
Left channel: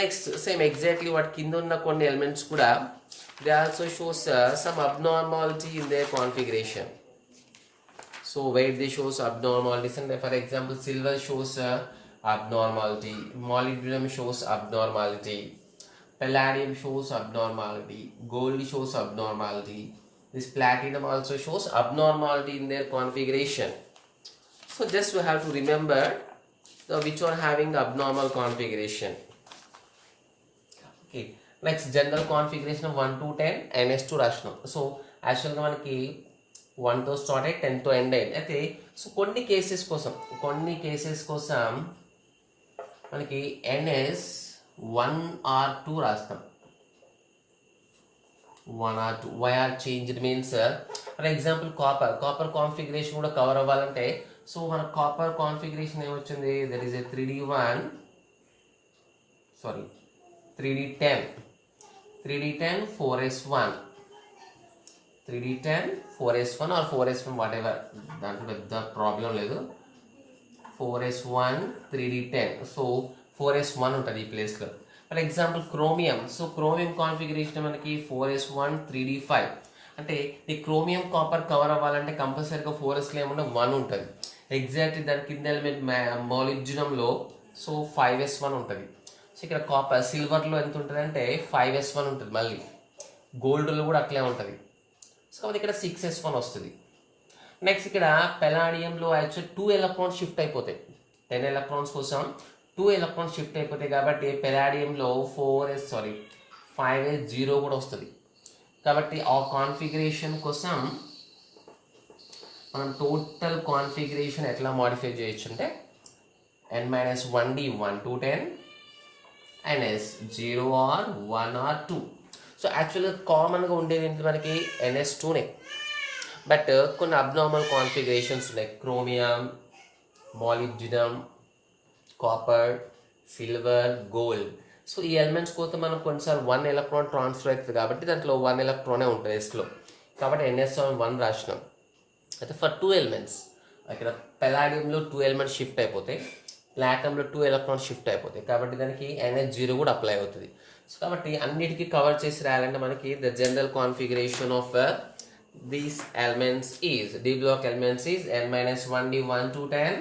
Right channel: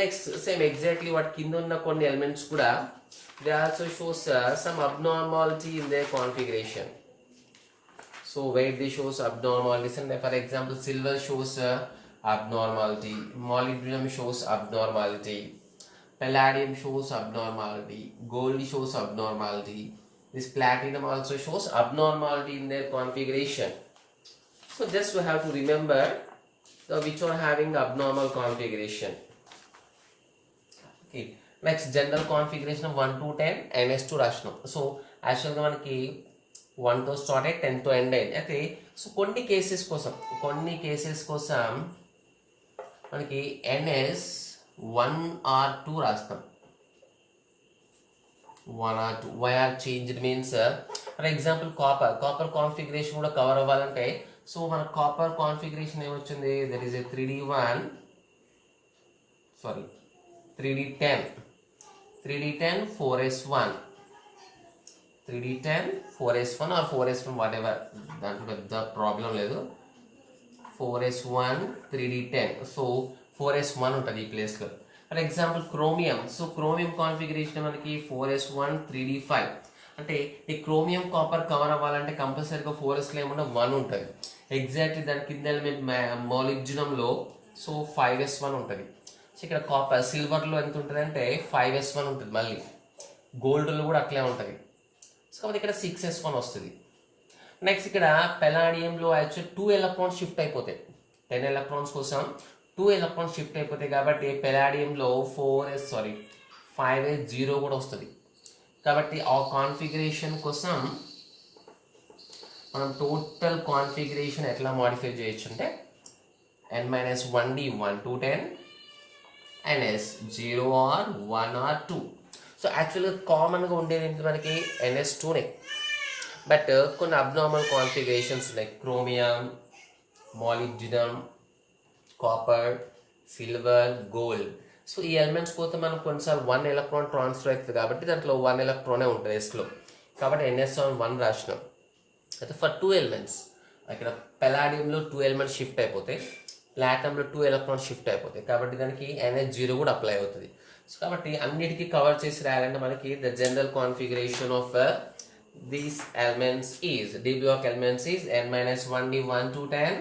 next same exactly what కింద ఉన్న కొన్ని ఎలిమెంట్స్ కూడా they also shows some abnormality in their configuration. So where they shows abnormalities, and for example silver shows abnormality, molybdenum shows abnormality, palladium shows abnormality, gold shows abnormality, this platinum also shows abnormality in their configuration. So just we have to remember the which are having abnormal configuration. Okay. Next general configuration of 1 to 10 ns2 రాసినాం. సో యాక్చువల్గా మనకి 1తో స్టార్ట్ అయ్యి 10తో ఎండ్ అయ్యింది. అయితే సో కొన్ని కేసెస్ కోసం మనకి ns 1 or 2 రాస్తాం. 1 or 2 why are changed means for example copper configuration కూడా కవర్ అవ్వాలంటే సో మన కాపర్ కాన్ఫిగరేషన్ ఏమొచ్చింది, that is a 3d10 4s1 3d10 4s1 or 4s1 whatever, దాంట్లో పెద్ద ప్రాబ్లం లేదు. 4s1 3d10 సో 4s1 ఉంటుంది ఈ ప్లేస్లో. For example chromium, so chromium configuration మనకి 4s1 3d5 అంటే ఈ క్రోమియం కాపర్ కవర్ అవ్వాలంటే కంపల్సరీగా 4sలో ఏమన్నా 1 ఉంటుంది. ఎగ్జాక్ట్లీ దాని కింద ఎలిమెంట్ మాలిబ్డినంలో సో 5s1 ఉంటుంది. సో ఇక్కడ కాపర్ సిల్వర్లో ఎంత ఉంటుంది అంటే 5s1 ఉంటుంది, మళ్ళీ గోల్డ్లో కూడా అట్లే ఉంటుంది. సో కాబట్టి ఇక్కడ 6s1 వస్తుంది. నెక్స్ట్ ఇక్కడ పెలాడియంలో యాక్చువల్ 2 ఎలక్ట్రాన్స్ షిఫ్ట్ అయిపోతాయి. 10 ఎలక్ట్రాన్స్ కోసం 2 ఎలక్ట్రాన్స్ షిఫ్ట్ అయిపోతాయి కాబట్టి పెలాడియంలో 5s0 కూడా వస్తుంది. కాబట్టి ఆ కాన్ఫిగరేషన్ కోసం మనం టోటల్ కాన్ఫిగరేషన్ ఎట్లా మాడిఫై చేయొచ్చు అంటే n-1d 1 to 10 ns 0 or 1 or 2. సో యాక్చువల్గా కామన్గా ఉండేది ఏంటి మనకి ns2నే, బట్ కొన్ని అబ్నార్మల్ కాన్ఫిగరేషన్స్ ఉన్నాయి. Chromium, molybdenum, copper, silver, gold. So ఈ ఎలిమెంట్స్ కోసం మనం కొన్నిసార్లు 1 ఎలక్ట్రాన్ ట్రాన్స్ఫర్ అవుతుంది కాబట్టి దాంట్లో 1 ఎలక్ట్రానే ఉంటుంది ఎస్లో, కాబట్టి ns1 రాసినాం. అయితే ఫర్ 2 ఎలిమెంట్స్ ఇక్కడ పెలాడియంలో 2 ఎలిమెంట్స్ షిఫ్ట్ అయిపోతాయి, ప్లాటినంలో 2 ఎలక్ట్రాన్స్ షిఫ్ట్ అయిపోతాయి కాబట్టి దానికి ns0 కూడా అప్లై అవుతుంది. సో కాబట్టి అన్నిటికీ కవర్ చేసి రాయాలంటే మనకి the general configuration of these elements is d block elements is n-1d 1 to 10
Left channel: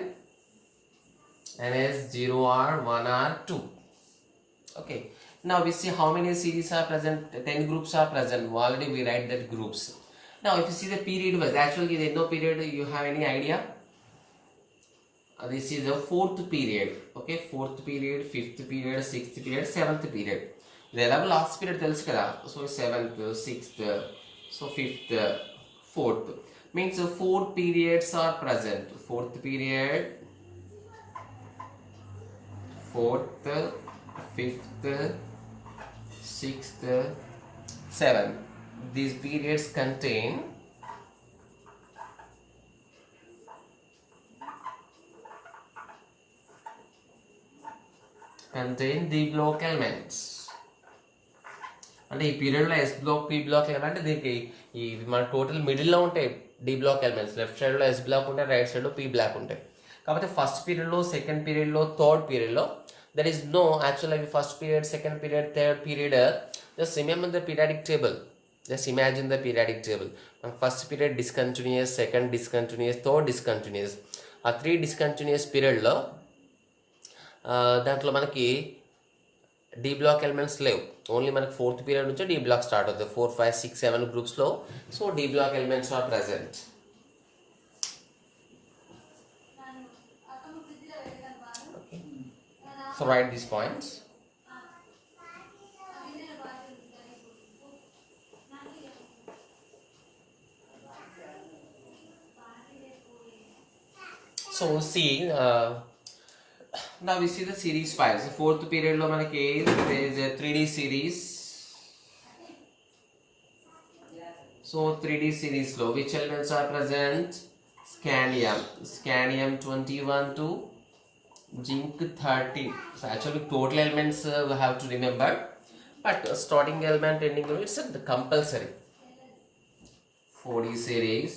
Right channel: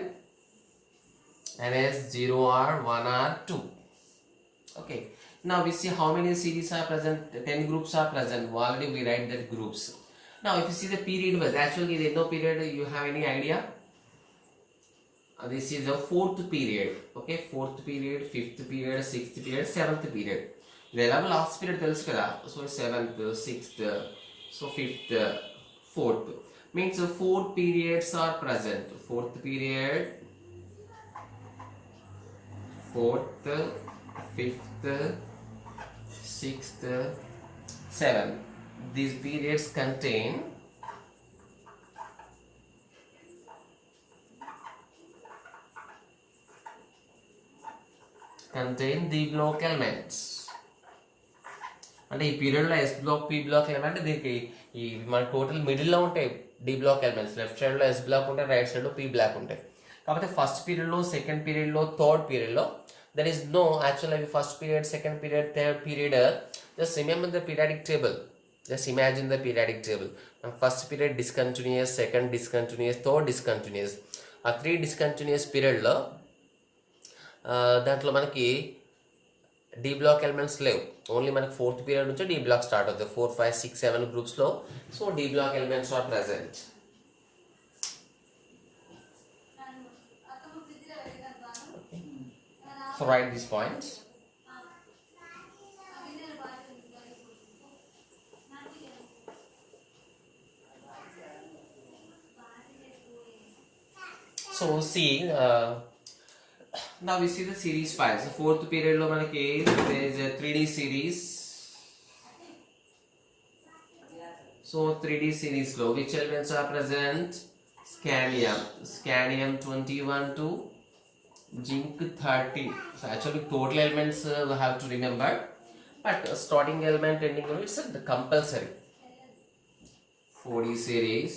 ns0 or 1 or 2. Okay, now we see how many series are present. 10 groups are present. Already we write that groups. Now if you see the period wise, actually there is no period, you have any idea? This is the 4th period. Okay, 4th period, 5th period, 6th period, 7th period. The last period tells kada, so 7th, 6th, so 5th, 4th. Means 4 periods are present. 4th period, 4th, 5th, 6th, 7th. These periods contain the block elements. అంటే ఈ పీరియడ్లో yes black, P black ఏమంటే దీనికి ఈ మన టోటల్ మిడిల్లో ఉంటాయి D block elements. Left సైడ్లో ఎస్ బ్లాక్ ఉంటాయి, రైట్ సైడ్లో పీ బ్లాక్ ఉంటాయి. కాకపోతే ఫస్ట్ పీరియడ్లో, సెకండ్ పీరియడ్లో, థర్డ్ పీరియడ్లో there is no actually first period, second period, third period. Just remember the periodic table. Just imagine the periodic table. First period discontinuous, second discontinuous, third discontinuous. ఆ 3 discontinuous పీరియడ్లో దాంట్లో మనకి డి బ్లాక్ ఎలిమెంట్స్ లేవు. ఓన్లీ మనకి fourth period నుంచి D block start అవుతుంది. 4, 5, 6, 7 గ్రూప్స్లో. So D block elements are present. So write these points. So see, now we see the series files. The fourth period lo manaki there is a 3D series. So 3D series lo which elements are present? Scandium 21 to zinc 30. So actually total elements we have to remember, but starting element ending it's the compulsory. 4D series.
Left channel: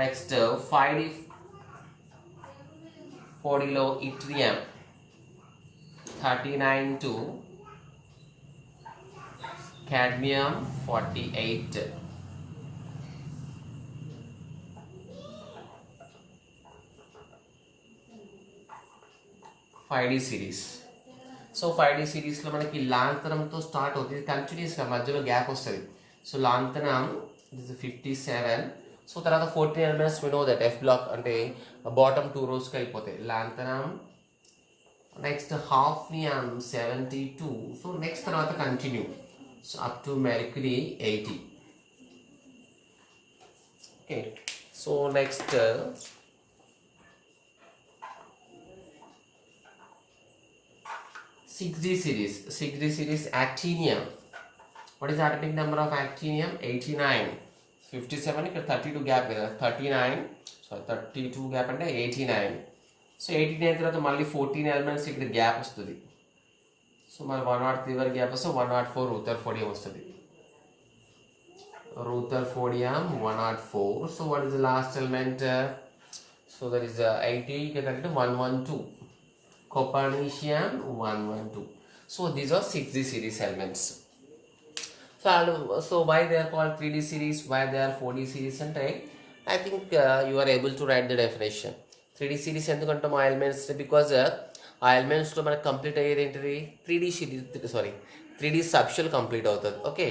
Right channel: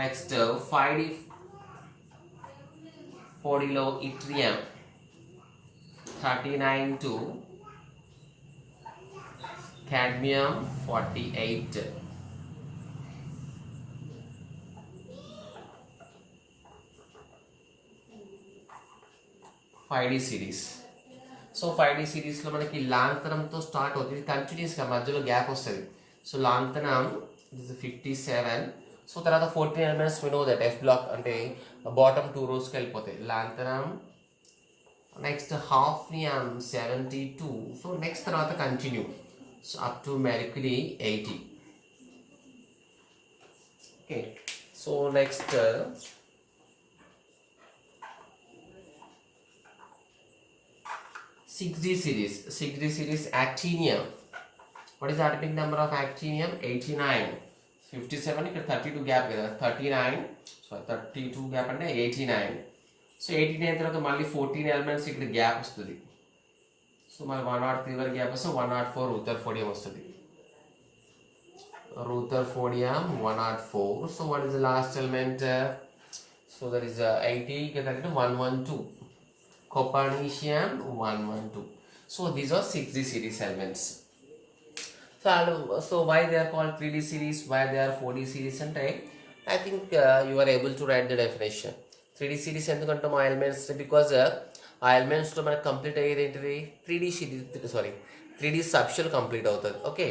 Next 5D 40 లో yttrium 39 to cadmium 48. Five d series. So 5D సిరీస్లో మనకి లాంతనంతో స్టార్ట్ అవుతుంది. కంటిన్యూస్గా మధ్యలో గ్యాప్ వస్తుంది. So lanthanum is 57. So తర్వాత 14 elements we know that F block అంటే బాటమ్ 2 రోస్కి వెళ్ళిపోతాయి. Lanthanum next hafnium 72. So next తర్వాత continue so up to mercury 80. Okay. So next 6D series. 6D series actinium. What is the atomic number of actinium? 89. 57 ఇక్కడ 32 గ్యాప్ కదా, 39 సో 32 గ్యాప్ అంటే 89. సో 89 తర్వాత మళ్ళీ 14 ఎలిమెంట్స్ ఇక్కడ గ్యాప్ వస్తుంది. సో మళ్ళీ 103 వరకు గ్యాప్ వస్తే 104 రూథర్ఫోడియం వస్తుంది. రూథర్ఫోడియం 104. So what is the last element? So that is 80 ఇక్కడ 112. Copernicium 112. So these are 6D series elements. So why they are called 3D series? Why they are 4D series? And I think you are able to write the definition. 3D series ఎందుకంటే మా elements because ఆ ఎలిమెంట్స్లో మనకు కంప్లీట్ అయ్యేది ఏంటిది 3D series 3D subshell complete అవుతుంది. Okay.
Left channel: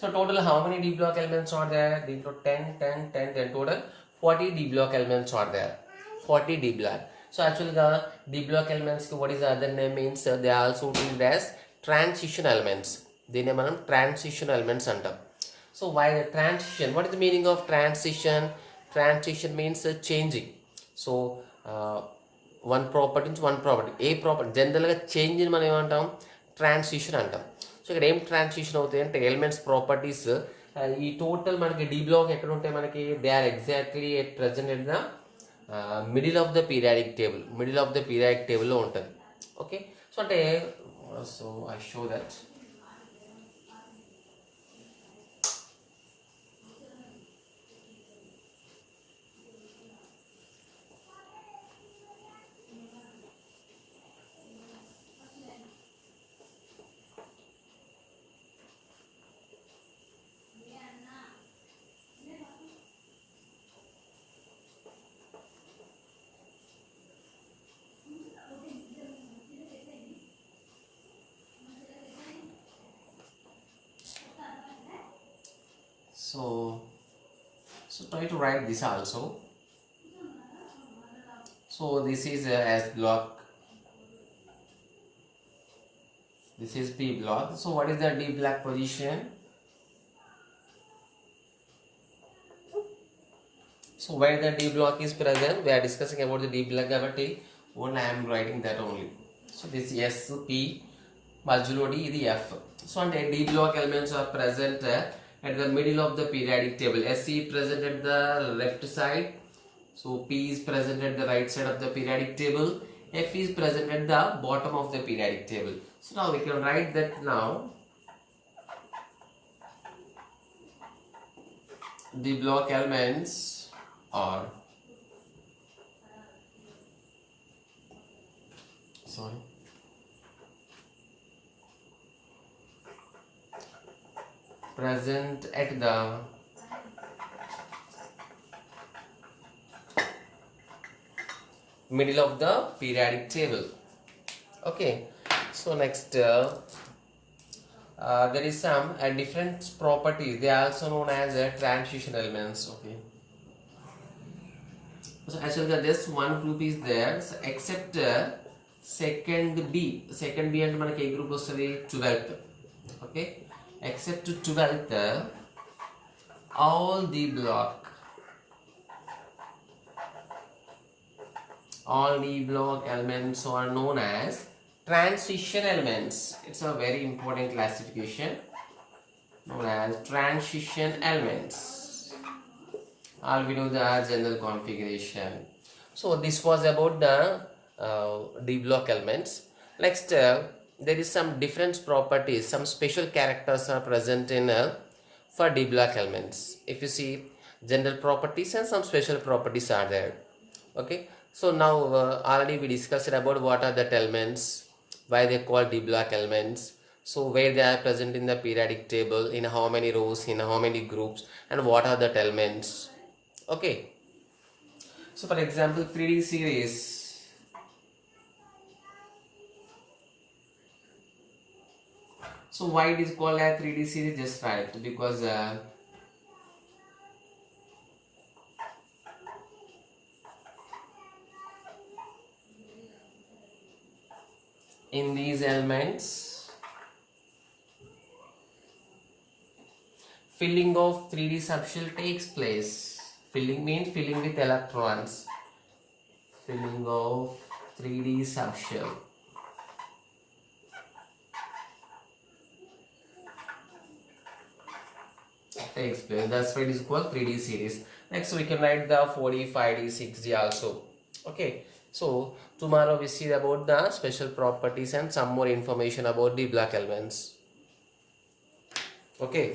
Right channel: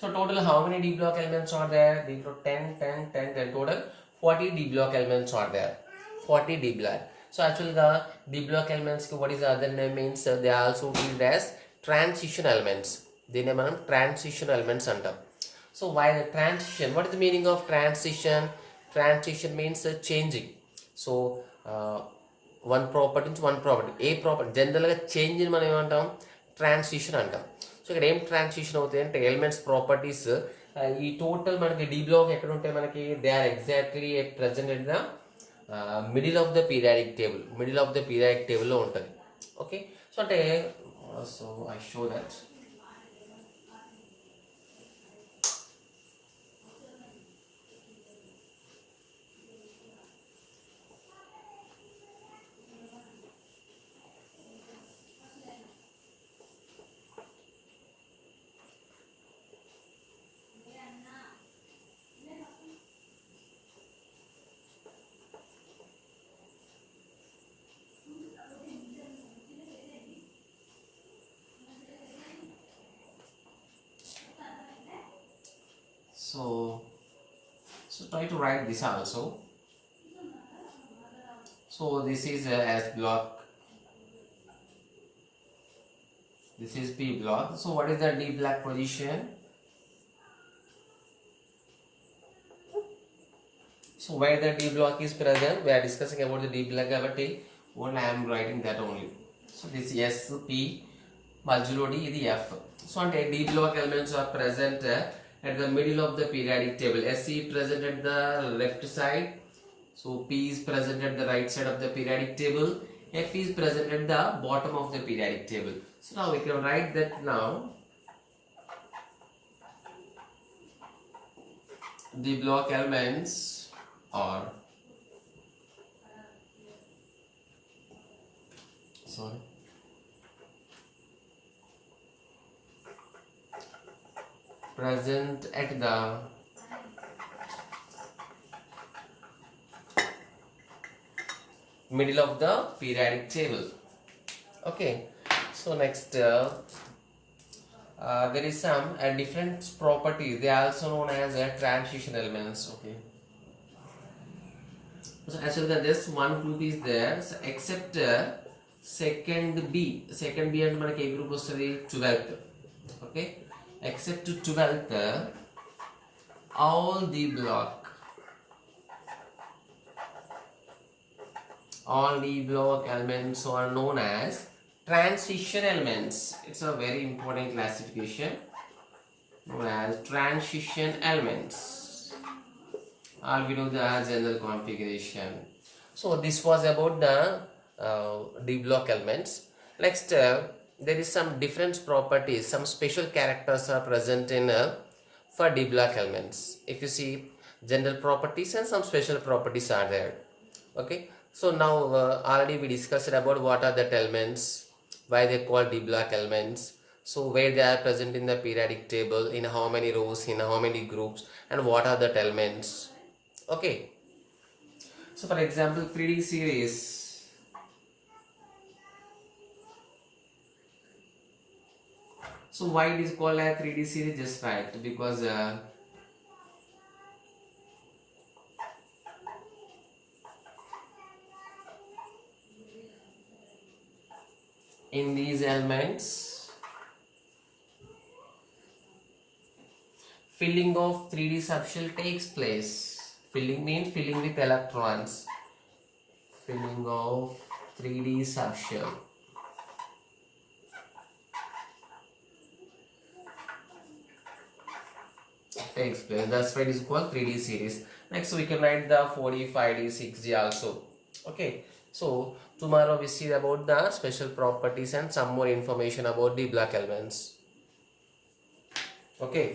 So total how many D block elements are there? దీంట్లో 10 total 40 D block elements are there. 40 D block. So actually the D block elements what is the other name means they are also treated as transition elements. దీన్ని మనం transition elements అంటాం. So why the transition? What is the meaning of transition? Transition means changing. So one property నుంచి one property. ఏ ప్రాపర్టీ జనరల్గా చేంజ్ మనం ఏమంటాం? ట్రాన్సిషన్ అంటాం. సో ఇక్కడ ఏం ట్రాన్సిషన్ అవుతాయి అంటే ఎలిమెంట్స్ ప్రాపర్టీస్ ఈ టోటల్ మనకి D block ఎక్కడ ఉంటాయి మనకి? They are exactly at present at the middle of the periodic టేబుల్లో ఉంటుంది. ఓకే. సో అంటే so I show that So try to write this also. So this is S block, this is P block. So what is the D block position? So where the D block is present, we are discussing about the D block కాబట్టి only I am writing that only. So this S P మధ్యలో D ఇది F. So అంటే D block elements are present at the middle of the periodic table. SC is present at the left side. So P is present at the right side of the periodic table. F is present at the bottom of the periodic table. So now we can write that now. The block elements are present at the middle of the periodic table. Okay, so next there is some different properties. They are also known as transition elements. Okay, so as well as this one group is there, so except second B and మనకి ఏ group వస్తుంది 12th. Okay, except 12th all the block elements are known as transition elements. It's a very important classification known as transition elements. I'll be doing the general configuration. So this was about the D block elements. Next there is some different properties, some special characters are present in for D block elements. If you see, general properties and some special properties are there. Okay, so now already we discussed about what are the elements, why they called D block elements, so where they are present in the periodic table, in how many rows, in how many groups, and what are the elements. Okay, so for example 3D series. So why it is called a 3D series? Just right, because in these elements filling of 3D subshell takes place. Filling means filling with electrons. Filling of 3D subshell takes place. That's why it is called 3D series. Next we can write the 4D, 5D, 6D also. Okay, so tomorrow we see about the special properties and some more information about the block elements. Okay.